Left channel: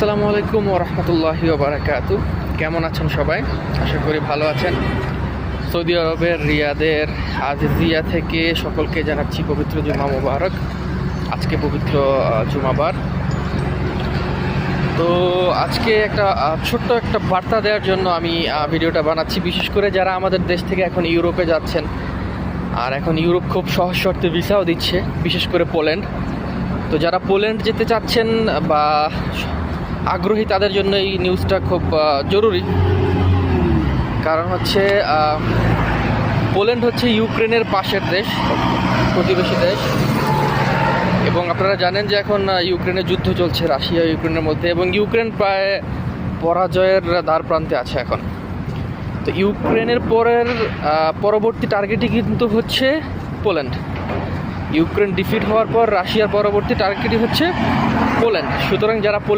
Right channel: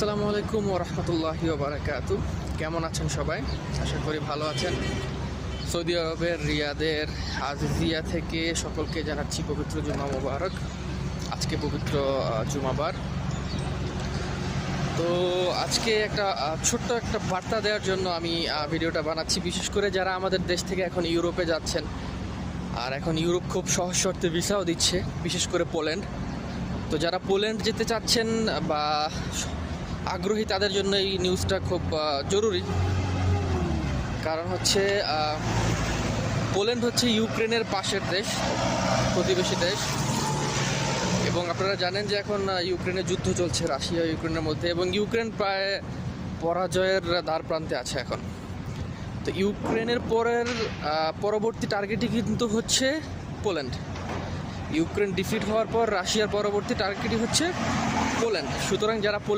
আসসালামু আলাইকুম ওয়া রাহমাতুল্লাহি ওয়া বারাকাতুহু। কেমন আছেন সবাই? আশা করি ভালো আছেন। সৌদি আরবের রিয়াদের আজিজিয়া থেকে সকলকে জানাচ্ছি পবিত্র জুমা মুবারক। আজকে পবিত্র জুমাবার। তো আজকে একটা ছোট্ট একটা বার্তা দেওয়ার জন্য আমি ভিডিওটা বানাচ্ছি, বিশেষ করে যারা আমাদের দেশ থেকে এখন ইউরোপে যাচ্ছেন। আর এখন ইউরোপ খুব সহজ শর্তে ভিসাও দিচ্ছে, বিশেষ করে পোল্যান্ড। তো যারা পোল্যান্ড যেতে চাচ্ছেন বা আগ্রহী, তাদের জন্য এই নিউজটা খুব জরুরি। কারণ হচ্ছে পোল্যান্ড হচ্ছে ইউক্রেনের পাশের দেশ, প্রতিবেশী দেশ। এবং আপনারা জানেন যে এখন ইউক্রেনে যুদ্ধ চলছে রাশিয়া ইউক্রেনের মধ্যে, এবং ইউক্রেন প্রায় পরাজয়ের দ্বার প্রান্তে আছে এখন। তো ইউক্রেনের পরবর্তী টার্গেটই কিন্তু হচ্ছে পোল্যান্ড। ইউক্রেন ডিফিট হওয়ার পর রাশিয়ার পরবর্তী টার্গেটই হচ্ছে পোল্যান্ড। সুতরাং যারা